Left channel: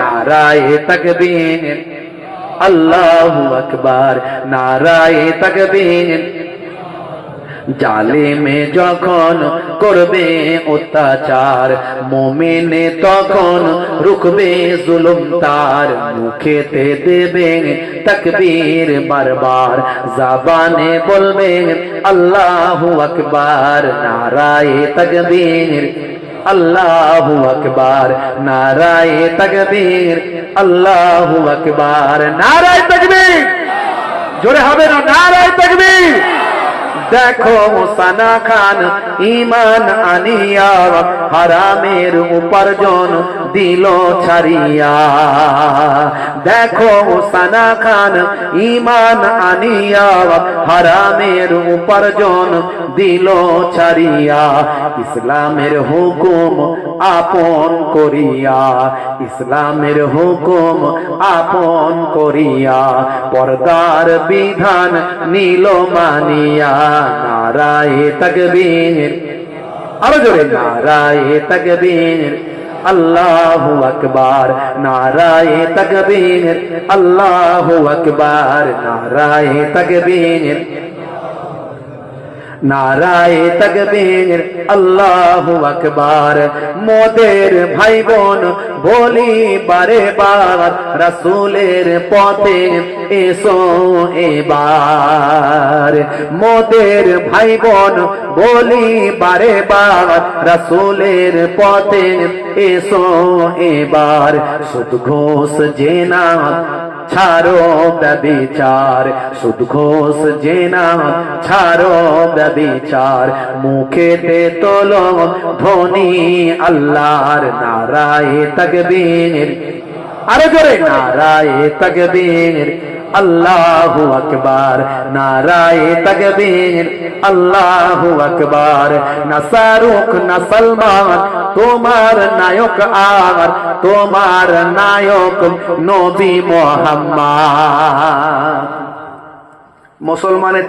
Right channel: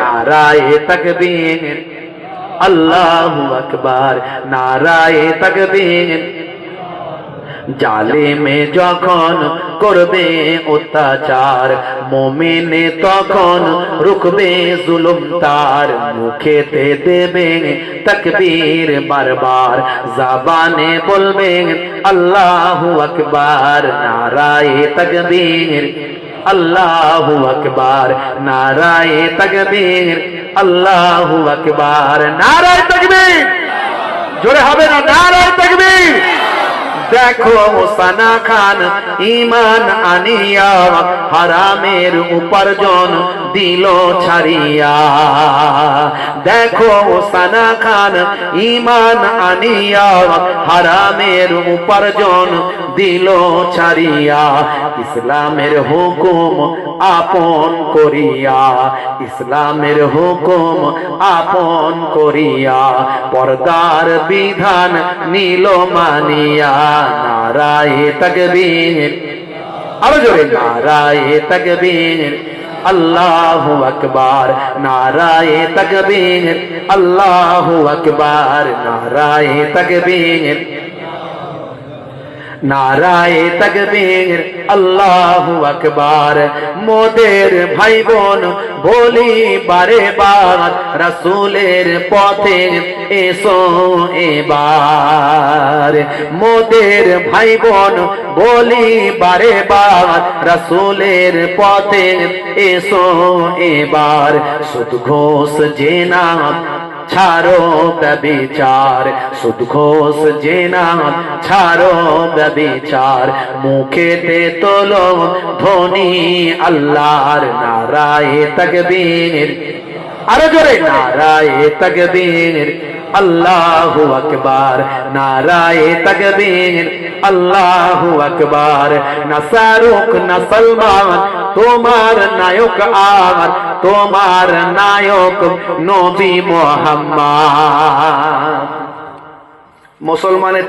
নারায়ে তাকবীর, আল্লাহু আকবার, নারায়ে তাকবীর। জালিমে যখন করবে অত্যাচার, মুমিনে তখন রুখবে জুলুম তার। মুখেতে দেবে তাকবীর বারবার, জবানে বলবে আল্লাহু আকবার, নারায়ে তাকবীর, আল্লাহু আকবার, নারায়ে তাকবীর, আল্লাহু আকবার, নারায়ে তাকবীর। জোরে হবে না? নারায়ে তাকবীর। দেখো সানা খান ঈমান আনিয়া হারামের উপার্জন দিল ছাড়িয়া। দেখো সানা খান ঈমান আনিয়া হারামের উপার্জন দিল ছাড়িয়া। ইসলামের হুকুম আপন করিয়া, ইসলামের হুকুম আপন করিয়া, পর্দার বিধান নিল মানিয়া। নারায়ে তাকবীর, আরো জোরে, নারায়ে তাকবীর, আল্লাহু আকবার, নারায়ে তাকবীর, আল্লাহু আকবার, নারায়ে তাকবীর, নারায়ে তাকবীর, আল্লাহু আকবার। মোদের ভাই বোন বলি বারে বার, রাসূলের পথে এসো এবার। মোদের ভাই বোন বলি বারে বার, রাসূলের পথে এসো এবার। সুদ ঘোষ জেনা ছাড়ো ব্যভিচার, সুদ ঘোষ জেনা ছাড়ো ব্যভিচার। মুখেতে তোলো ধ্বনি আল্লাহর, নারায়ে তাকবীর, আরো জোরে, নারায়ে তাকবীর, আল্লাহু আকবার, নারায়ে তাকবীর, আল্লাহু আকবার। না শাহরুখ না সলমান তোমার নায়ক আমার, তোমার নায়ক নবী মুহাম্মদ। মুসলমানের